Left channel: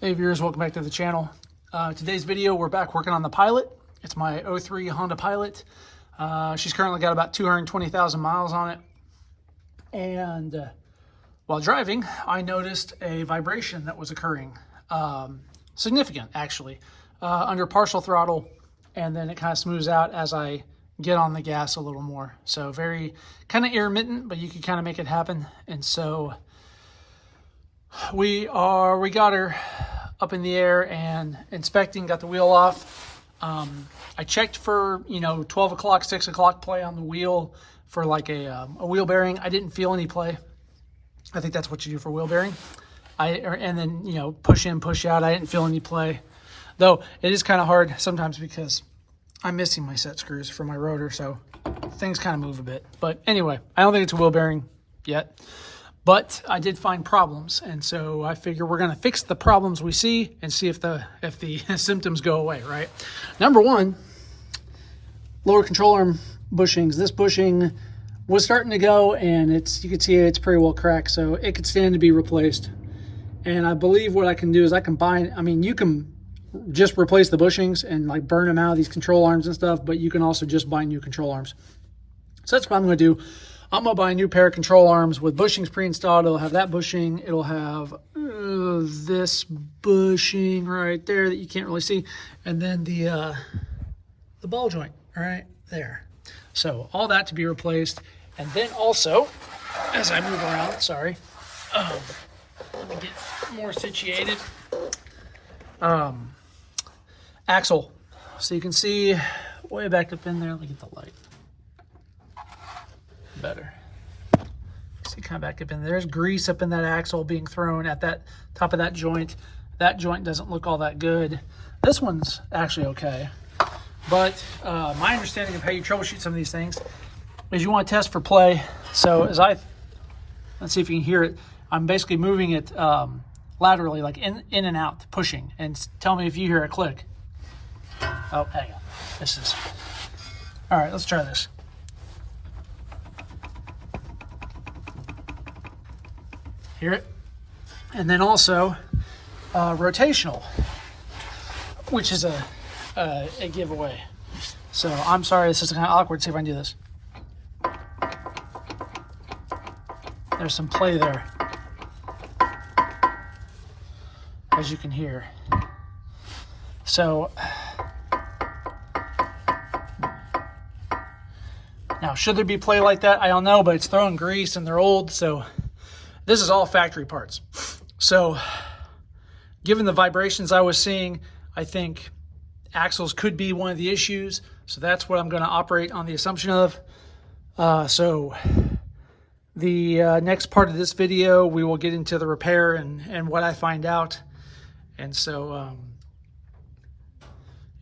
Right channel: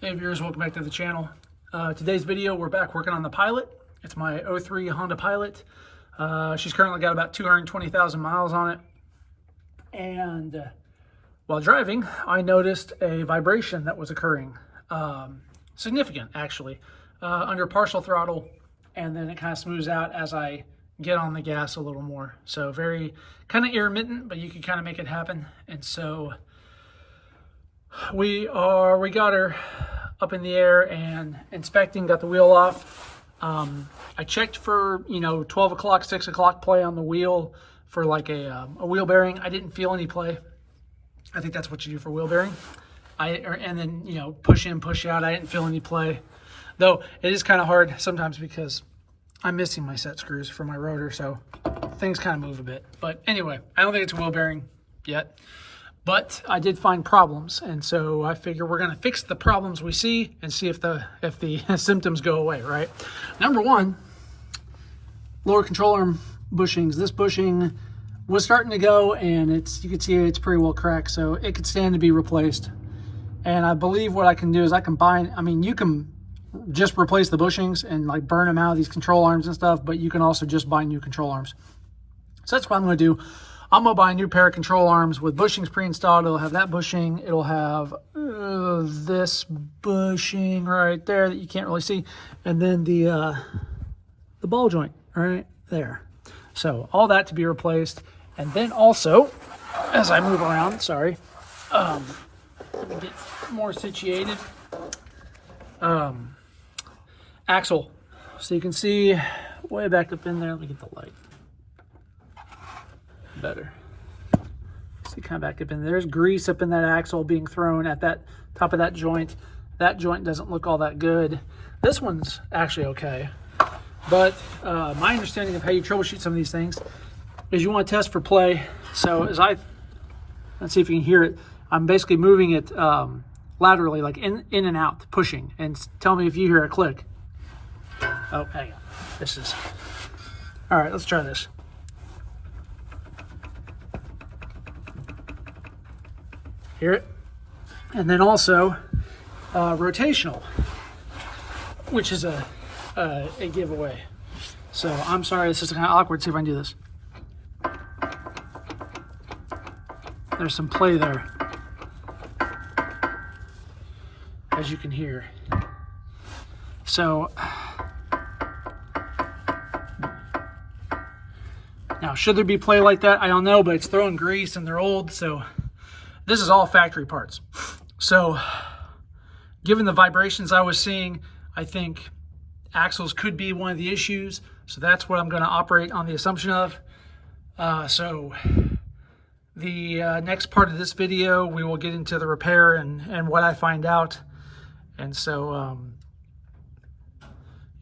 Hey viewers, welcome back to the channel. Today's video, we're back working on the Pilot. It's my 03 Honda Pilot. She's currently got about 220,000 miles on it. And while driving, I noticed a vibration that was occurring. Significant, actually, under partial throttle. And then it kind of smooths out as I get on the gas a little more. So very kind of intermittent, but you can kind of make it happen. And so we got her up in the air and inspecting, got the wheel off. I checked for, 12 o'clock, 6 o'clock play on the wheel for like a wheel bearing. I didn't feel any play. I think that's what you do for wheel bearing. And then, push in, push out. I didn't feel any play. Though it is kind of hard sometimes because I'm missing my set screws for my rotor. So things kind of move a bit. But anyway, I don't think it's a wheel bearing yet. But I did find problems, and so I figure we're going to fix the problems we see and see if the symptoms go away, right? Number one, lower control arm bushings. This bushing was starting to go, and you can see it's pretty well cracked, so it could stand to be replaced. And I believe what I can do is you can just replace the bushings and like burn them out of these control arms and stuff, but you can also just buy new control arms. So that's what I'm going to do. I'm going to buy a new pair of control arms with bushings pre-installed. It'll have that bushing. It'll have this bushing right there that you can't really see. And then the ball joint right there. So all that to be replaced. And then also, as I move around, sorry, let me get more situated. Axle. So you can see way back up in there. Let me get the light. Better. See, kind of back up in there's grease up in that axle being thrown at that top of that joint. That joint doesn't look all that good. This one's actually okay, but my understanding of how you troubleshoot some of these things is you want to test for play. So let's see if you can hear it. I'm basically moving it laterally, like in and out, pushing, and tell me if you hear a click. Oh, hang on. All right, let's try this. Hear it? And then also rotational, which is a giveaway. So I'm sorry, this is kind of awkward. See if I can do this. There's some play there, as you can hear. So now, should there be play like that? I don't know, but it's throwing grease and they're old, so this is all factory parts. So given the vibrations I was seeing, I think axles could be one of the issues. So that's what I'm going to operate on the assumption of. So the next part of this video, we will get into the repair and what I find out. And so,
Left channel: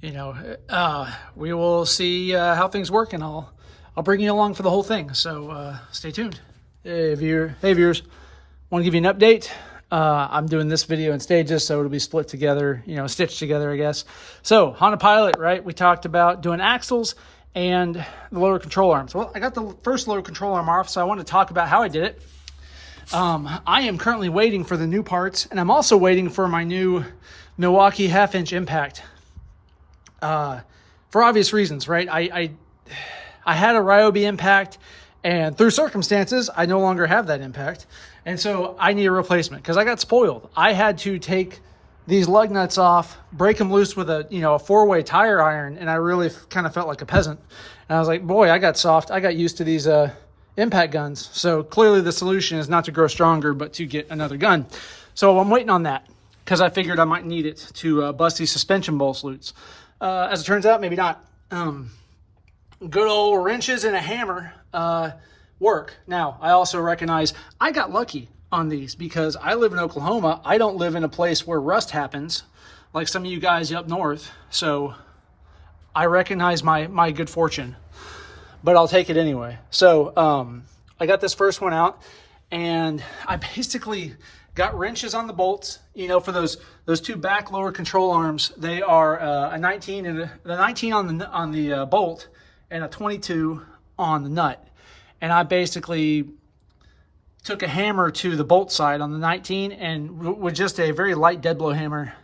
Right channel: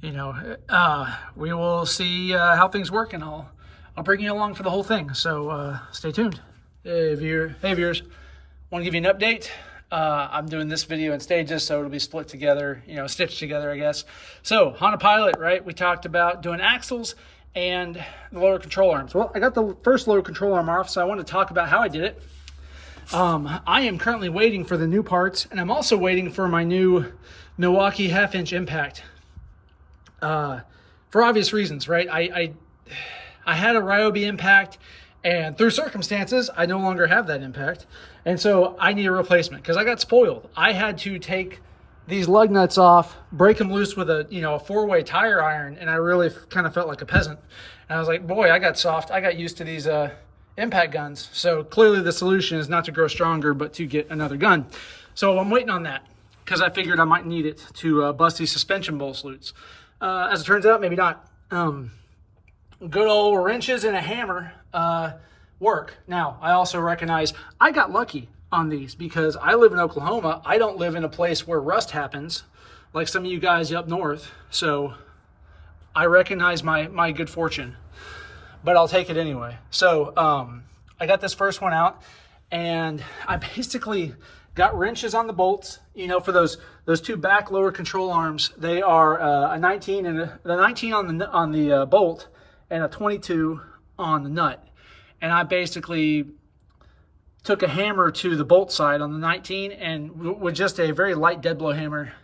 we will see how things work, and I'll bring you along for the whole thing. So stay tuned. Hey viewers. Want to give you an update. I'm doing this video in stages, so it'll be split together, stitched together, I guess. So Honda Pilot, right? We talked about doing axles and the lower control arms. Well, I got the first lower control arm off, so I want to talk about how I did it. I am currently waiting for the new parts, and I'm also waiting for my new Milwaukee 1/2-inch impact. For obvious reasons, right? I had a Ryobi impact, and through circumstances, I no longer have that impact. And so I need a replacement because I got spoiled. I had to take these lug nuts off, break them loose with a 4-way tire iron, and I really kind of felt like a peasant. And I was like, boy, I got soft. I got used to these impact guns. So clearly the solution is not to grow stronger, but to get another gun. So I'm waiting on that because I figured I might need it to bust these suspension bolts loose. As it turns out, maybe not. Good old wrenches and a hammer work. Now, I also recognize I got lucky on these because I live in Oklahoma. I don't live in a place where rust happens like some of you guys up north. So I recognize my good fortune, but I'll take it anyway. So I got this first one out, and I basically got wrenches on the bolts, for those two back lower control arms. They are a 19 and the 19 on the bolt, and a 22 on the nut. And I basically took a hammer to the bolt side on the 19, and with just a very light dead blow hammer,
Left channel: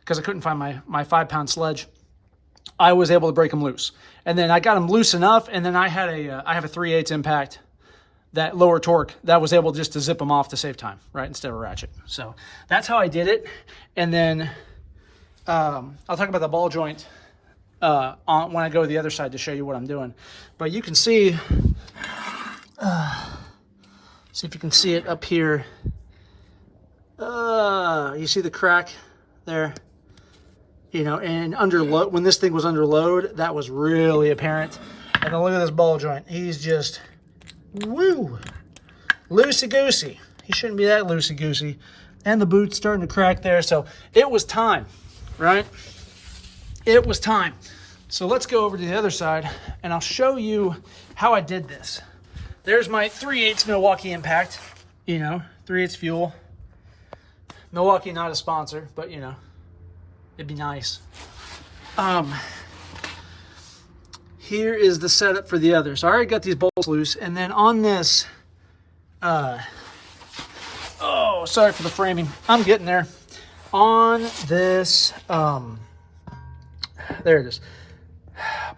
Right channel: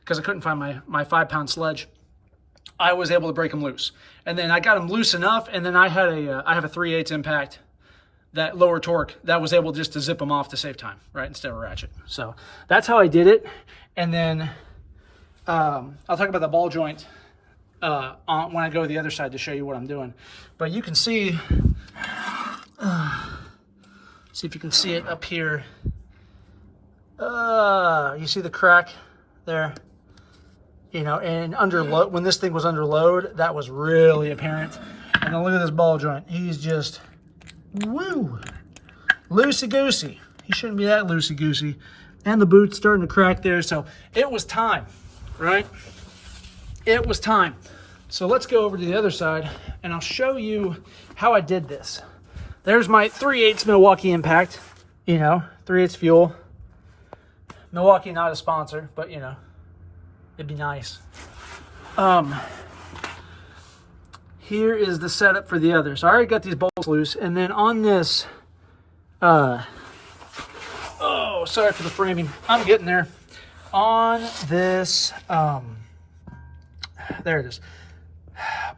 because I couldn't find my 5-pound sledge, I was able to break them loose. And then I got them loose enough, and then I have a 3/8 impact, that lower torque, that was able just to zip them off to save time, right, instead of a ratchet. So that's how I did it. And then I'll talk about the ball joint when I go to the other side to show you what I'm doing. But you can see, see if you can see it up here. You see the crack there? You know, and under load, when this thing was under load, that was really apparent. And then look at this ball joint. He's just, woo, loosey-goosey. He shouldn't be that loosey-goosey. And the boot's starting to crack there. So it was time, right? It was time. So let's go over to the other side, and I'll show you how I did this. There's my 3/8 Milwaukee impact, you know, 3/8 fuel. Milwaukee, not a sponsor, but you know, it'd be nice. Here is the setup for the other. So I already got these bolts loose, and then on this, oh, sorry for the framing. I'm getting there. On this, there it is.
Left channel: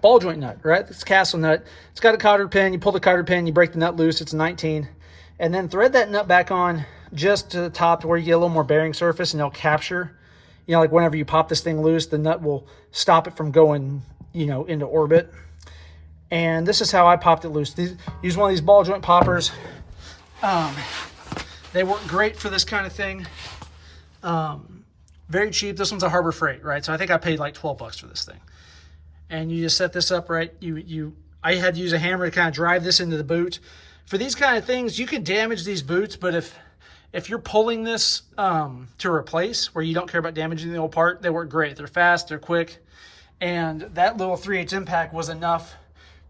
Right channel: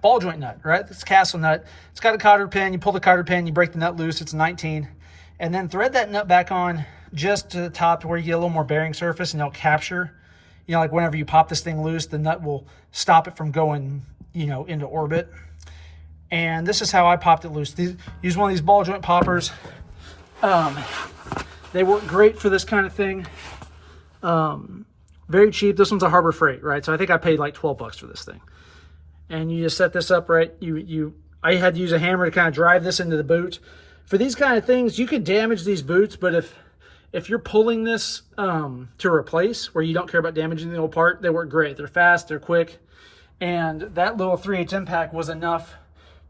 Ball joint nut, right? It's a Castle nut. It's got a cotter pin. You pull the cotter pin, you break the nut loose. It's a 19. And then thread that nut back on just to the top to where you get a little more bearing surface, and it'll capture. You know, like whenever you pop this thing loose, the nut will stop it from going, you know, into orbit. And this is how I popped it loose. Use one of these ball joint poppers. They work great for this kind of thing. Very cheap. This one's a Harbor Freight, right? So I think I paid like 12 bucks for this thing. And you just set this up, right? I had to use a hammer to kind of drive this into the boot. For these kind of things, you can damage these boots, but if you're pulling this to replace, where you don't care about damaging the old part, they work great. They're fast, they're quick, and that little 3/8 impact was enough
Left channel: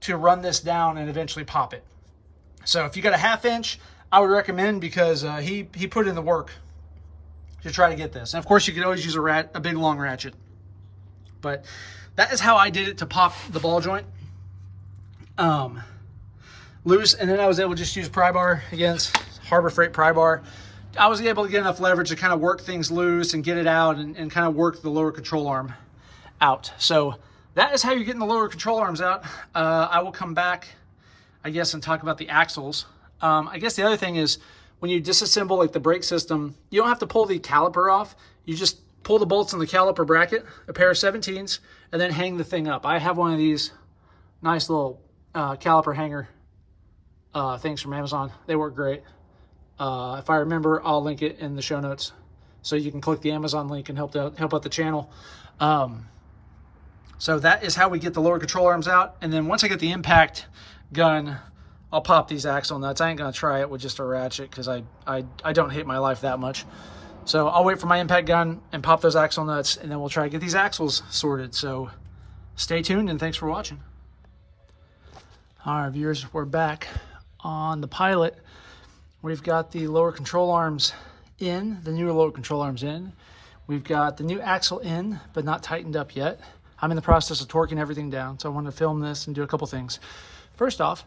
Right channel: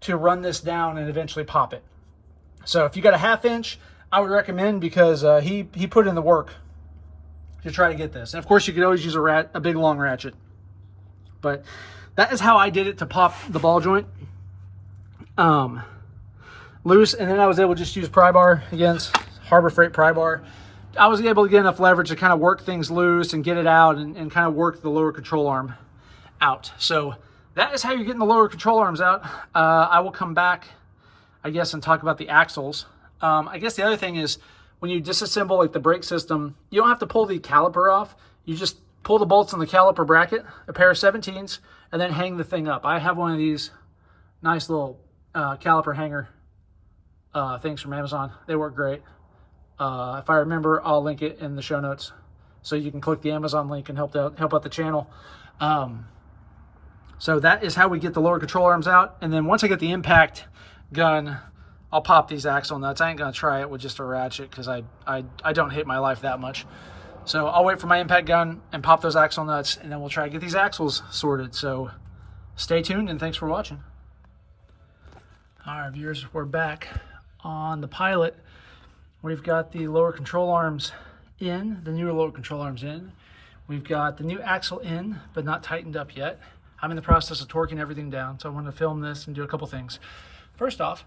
to run this down and eventually pop it. So if you got a 1/2 inch, I would recommend, because he put in the work to try to get this. And of course, you could always use a big long ratchet, but that is how I did it to pop the ball joint loose. And then I was able to just use pry bar against Harbor Freight pry bar. I was able to get enough leverage to kind of work things loose and get it out, and kind of work the lower control arm out. So that is how you're getting the lower control arms out. I will come back, I guess, and talk about the axles. I guess the other thing is, when you disassemble like the brake system, you don't have to pull the caliper off. You just pull the bolts on the caliper bracket, a pair of 17s, and then hang the thing up. I have one of these nice little caliper hanger things from Amazon. They work great. If I remember, I'll link it in the show notes, so you can click the Amazon link and help out the channel. So that is how we get the lower control arms out. And then once I get the impact gun, I'll pop these axle nuts. I ain't gonna try it with just a ratchet, because I don't hate my life that much. So I'll wait for my impact gun and pop those axle nuts, and then we'll try to get these axles sorted. So stay tuned, and thanks for watching. All right, viewers, we're back on the Pilot. We've got the lower control arms in, the newer lower control arms in. We've got the new axle in, but not tightened up yet. I'm in the process of torquing everything down, so I wanted to film this and do a couple things. First off,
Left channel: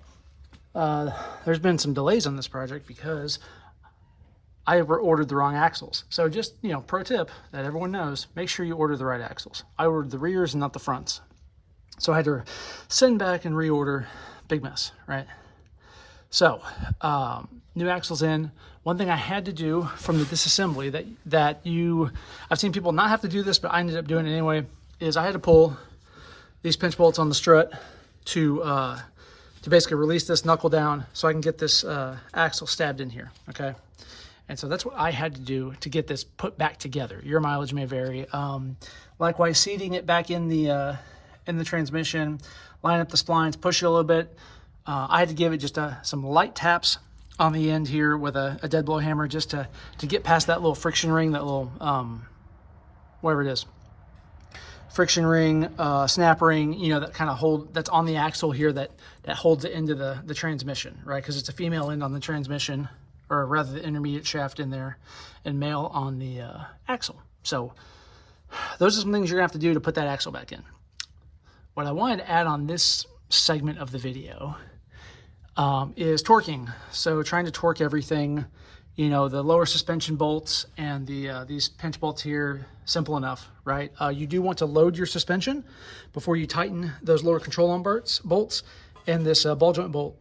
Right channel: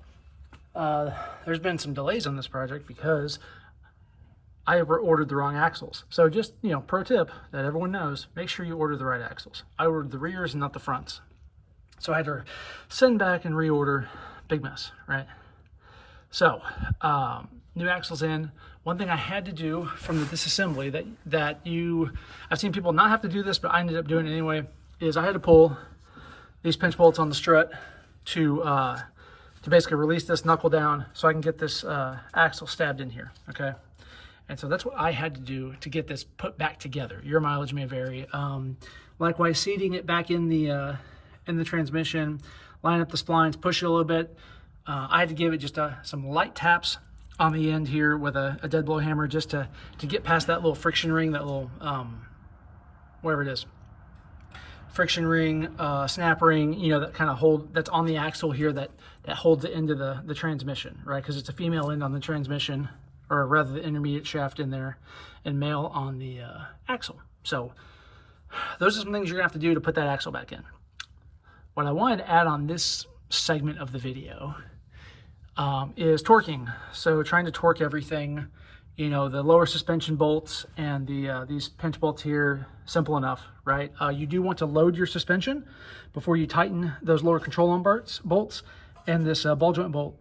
there's been some delays on this project because I ordered the wrong axles. So just, you know, pro tip that everyone knows, make sure you order the right axles. I ordered the rears and not the fronts. So I had to send back and reorder. Big mess, right? So, new axles in. One thing I had to do from the disassembly I've seen people not have to do this, but I ended up doing it anyway, is I had to pull these pinch bolts on the strut to basically release this knuckle down so I can get this axle stabbed in here, okay? And so that's what I had to do to get this put back together. Your mileage may vary. Likewise, seating it back in the transmission, line up the splines, push it a little bit. I had to give it just some light taps on the end here with a dead blow hammer, just to get past that little friction ring, that little, whatever it is. Friction ring, snap ring, you know, that kind of that's on the axle here that holds it into the transmission, right? Because it's a female end on the transmission, or rather the intermediate shaft in there, and male on the axle. So those are some things you're gonna have to do to put that axle back in. What I wanted to add on this segment of the video, is torquing. So trying to torque everything, you know, the lower suspension bolts and these pinch bolts here, simple enough, right? You do want to load your suspension before you tighten those lower control arm bolts and this ball joint bolt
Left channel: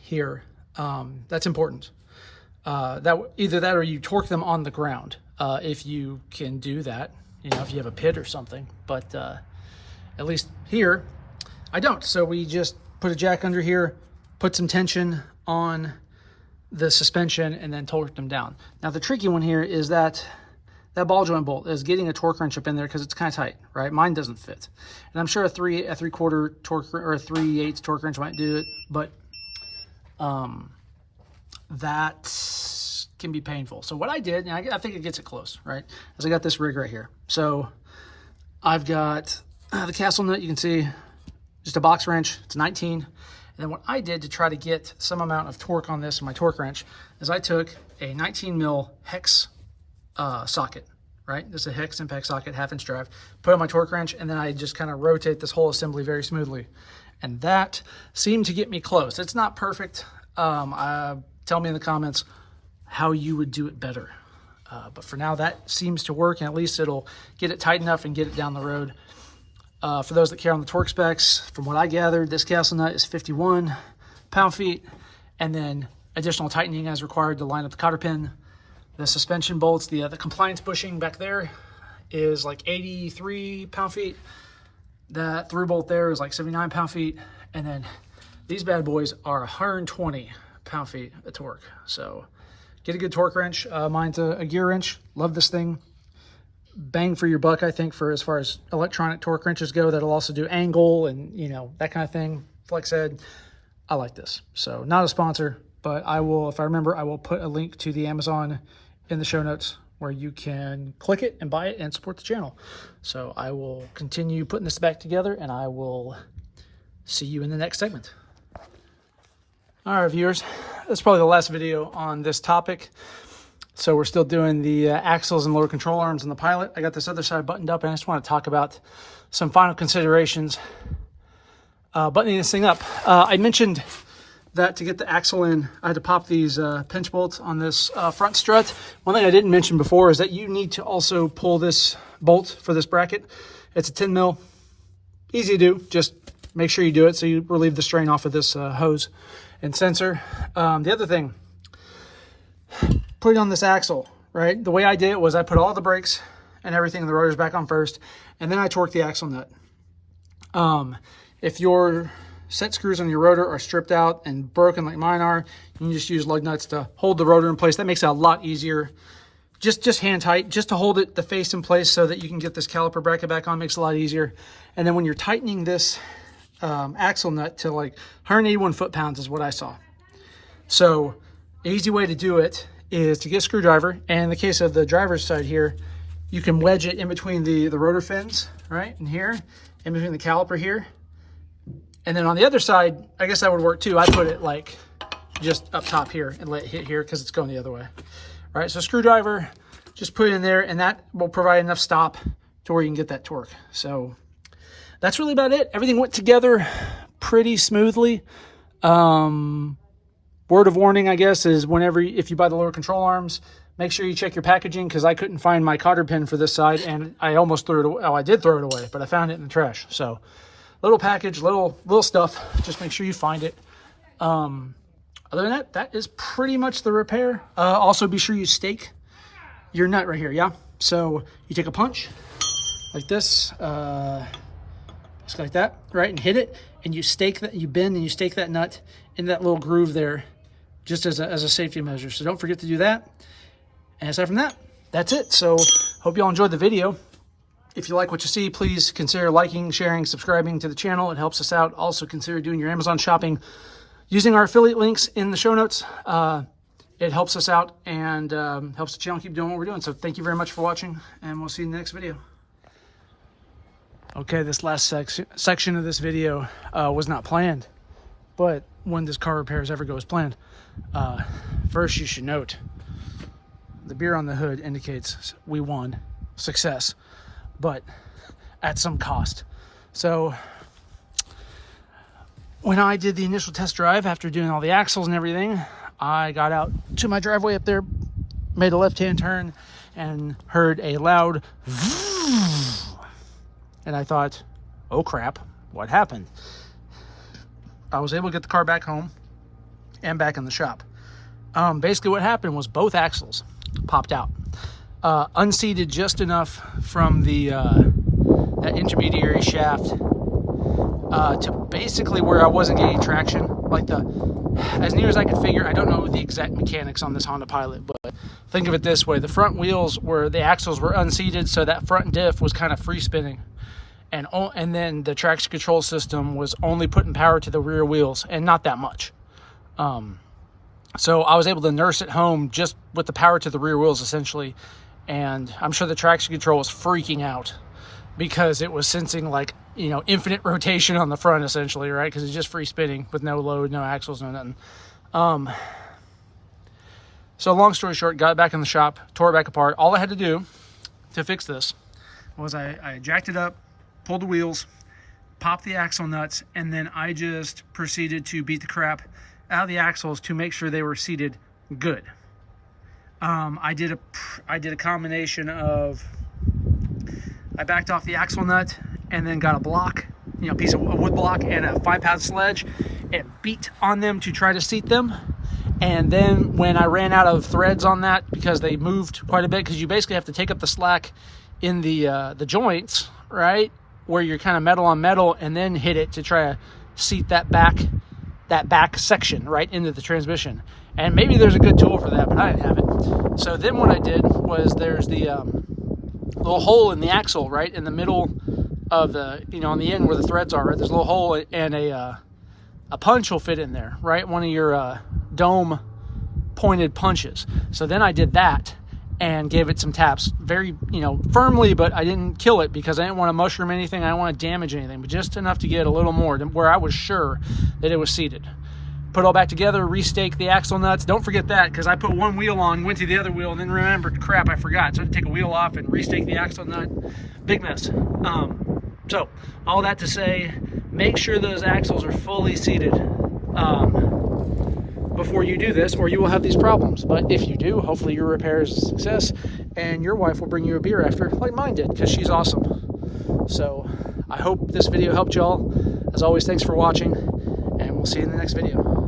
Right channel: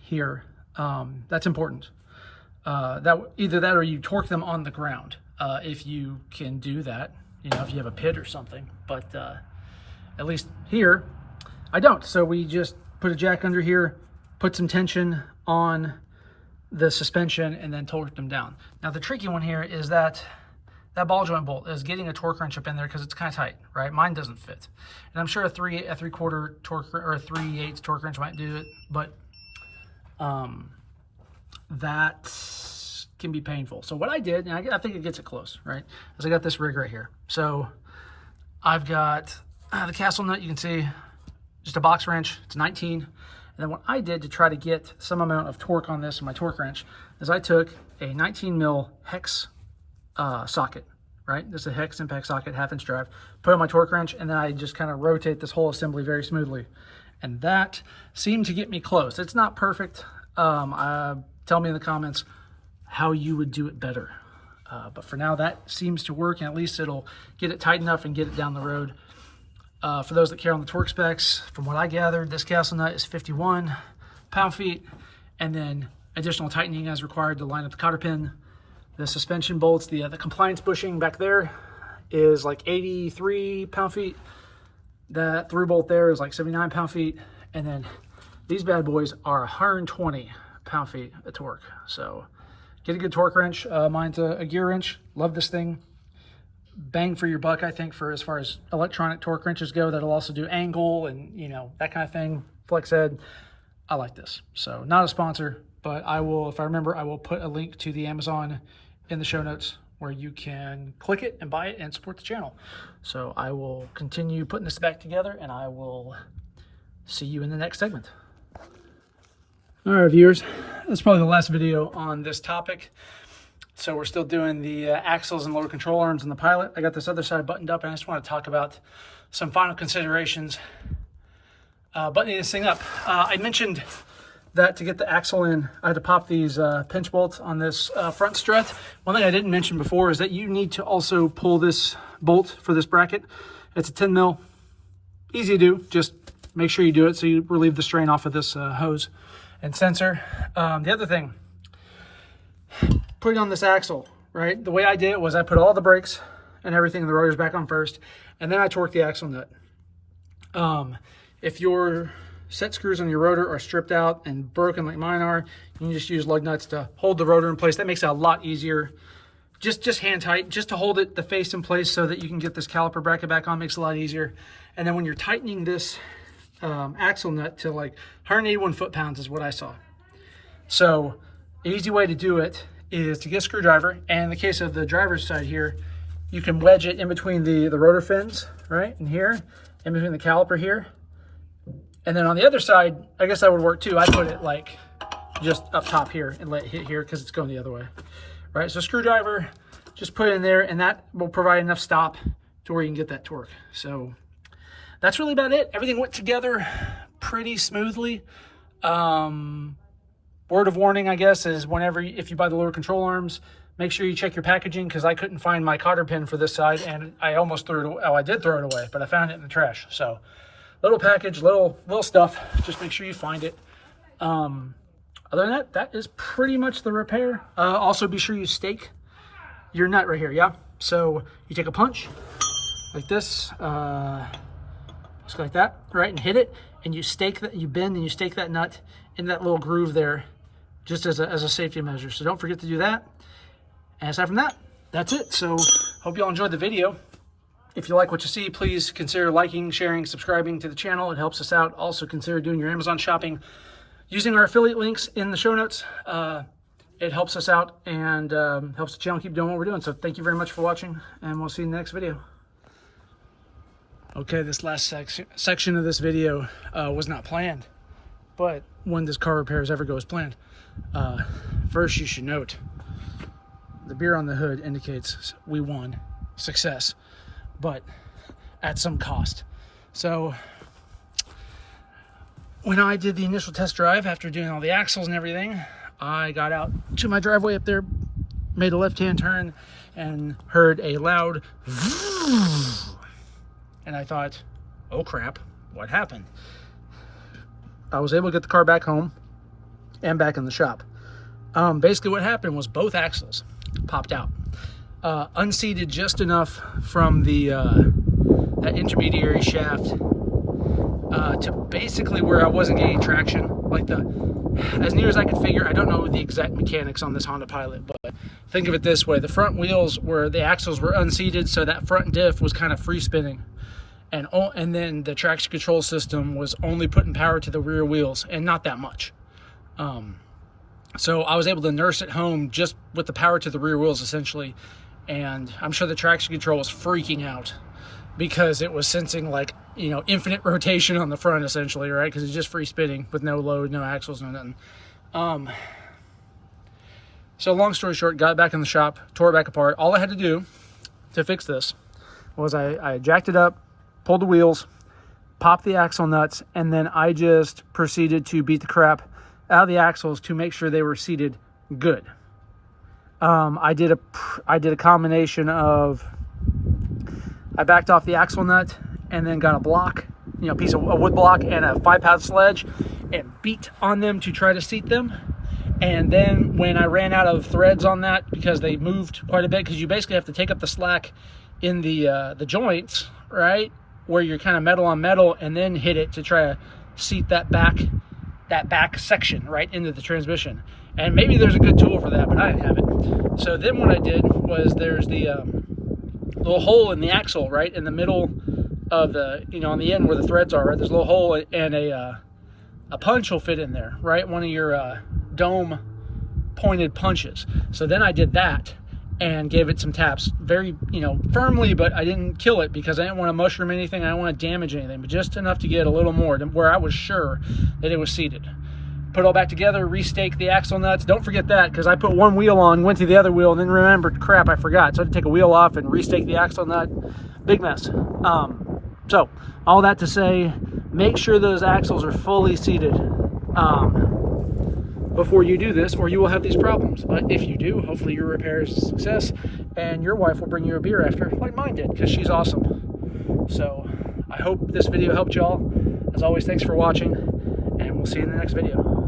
here. That's important. Either that or you torque them on the ground if you can do that, you know, if you have a pit or something. But at least here, I don't. So we just put a jack under here, put some tension on the suspension, and then torque them down. Now the tricky one here is that ball joint bolt is getting a torque wrench up in there because it's kind of tight, right? Mine doesn't fit, and I'm sure a 3/4 torque or a 3/8 torque wrench might do it, but that can be painful. So what I did, and I think it gets it close, right? Is I got this rig right here. So I've got the Castle nut. You can see just a box wrench. It's 19. And then what I did to try to get some amount of torque on this in my torque wrench is I took a 19 mil hex socket, right? This is a hex impact socket, 1/2-inch drive, put on my torque wrench, and then I just kind of rotate this whole assembly very smoothly. And that seemed to get me close. It's not perfect. Tell me in the comments how you would do it better. But for now, that seems to work, and at least it'll get it tight enough and get it down the road. For those that care on the torque specs, from what I gathered, this Castle nut is 51 pound-feet, and then additional tightening as required to line up the cotter pin. The suspension bolts, the compliance bushing back there is like 83 pound-feet. That through bolt there is like 79 pound-feet, and then these bad boys are 120 pound-feet of torque. So get a good torque wrench. Mine's a gear wrench. Love this thing. Bang for your buck, I think, for as far as electronic torque wrenches go. That'll also do angle and, you know, that kind of thing. Flex head. I like this. So not a sponsor, but I will, if I remember, I will put a link to the Amazon in the show notes where you can click it and buy it and support the channel. So I will continue putting this back together, and I will see you in the next segment. All right, viewers, this is probably the last video on this topic. So we're still doing the axles and lower control arms in the Pilot. I got this other side buttoned up, and I just want to talk about some final considerations buttoning this thing up. I mentioned that to get the axle in, I had to pop these pinch bolts on this front strut. One thing I didn't mention before is that you need to also pull this bolt for this bracket. It's a 10 mil, easy to do. Just make sure you do it so you relieve the strain off of this hose and sensor. The other thing, putting on this axle, right? The way I did it was I put all the brakes and everything, the rotors back on first, and then I torqued the axle nut. If your set screws on your rotor are stripped out and broken like mine are, you can just use lug nuts to hold the rotor in place. That makes it a lot easier. Just hand tight, just to hold it, the face in place so that you can get this caliper bracket back on, makes it a lot easier. And then when you're tightening this axle nut to like 181 foot-pounds is what I saw. So the easy way to do it is to get a screwdriver, and in the case of the driver's side here, you can wedge it in between the rotor fins, right, and here, in between the caliper here. And then on the other side, I guess that would work too. I put it like just up top here and let it hit here because it's going the other way, right? So screwdriver, just put it in there, and that will provide enough stop to where you can get that torque. So that's really about it. Everything went together pretty smoothly. Word of warning, I guess, is if you buy the lower control arms, make sure you check your packaging, because I couldn't find my cotter pin for this side, and I almost threw it away. Oh, I did throw it away, but I found it in the trash. So little package, little stuff. Just make sure you find it. Other than that, that is pretty much the repair. Also, be sure you stake your nut right here, yeah? So you take a punch like this, just like that, right? And hit it, and you stake that, you bend and you stake that nut in that little groove there, just as a safety measure. So don't forget to do that. And aside from that, that's it. So hope you all enjoyed the video. If you like what you see, please consider liking, sharing, subscribing to the channel. It helps us out. Also consider doing your Amazon shopping using our affiliate links in the show notes. It helps us out and helps the channel keep doing what we're doing. So thank you very much for watching, and we'll see you in the next video. Okay, this last section of this video was not planned, but when does car repairs ever go as planned? First, you should note the beer on the hood indicates we won, success, but at some cost. So when I did the initial test drive, after doing all the axles and everything, I got out to my driveway up there, made a left-hand turn, and heard a loud and I thought, oh crap, what happened? I was able to get the car back home and back in the shop. Basically what happened was both axles popped out, unseated just enough from the that intermediary shaft to basically where I wasn't getting traction. Like as near as I could figure, I don't know the exact mechanics on this Honda Pilot, but think of it this way: the front wheels the axles were unseated, so that front diff was kind of free spinning, and then the traction control system was only putting power to the rear wheels, and not that much. So I was able to nurse it home just with the power to the rear wheels essentially, and I'm sure the traction control was freaking out because it was sensing, like, you know, infinite rotation on the front essentially, right? Because it's just free spinning with no load, no axles, no nothing. So long story short, got it back in the shop, tore it back apart. All I had to do to fix this was I jacked it up, pulled the wheels, popped the axle nuts, and then I just proceeded to beat the crap out of the axles to make sure they were seated good. I did a combination of, I backed off the axle nut and then got a block, you know, piece of a wood block and a 5-pound sledge and beat on them to try to seat them. And then when I ran out of threads on that, because they moved quite a bit, because you basically have to take up the slack in the joints, right, where you're kind of metal on metal, and then hit it to try to seat that back section right into the transmission. And maybe there's a good tool for that, but I didn't have it. So then what I did was, there's the little hole in the axle right in the middle of the, you know, on the end where the threads are, right? There's a little hole, and a punch will fit in there, right? One of your dome pointed punches. So then I did that and gave it some taps, very, you know, firmly, but I didn't kill it because I didn't want to mushroom anything. I didn't want to damage anything, but just enough to get a little more to where I was sure that it was seated. Put it all back together, restake the axle nuts. Don't forget that, because I put one wheel on, went to the other wheel, and then remembered, crap, I forgot. So I had to take a wheel off and restake the axle nut. Big mess. So all that to say, make sure those axles are fully seated before you do this, or you will have these problems. But if you do, hopefully your repair is a success, and your wife will bring you a beer after, like mine did, because she's awesome. So I hope this video helped y'all. As always, thanks for watching, and we'll see you in the next video.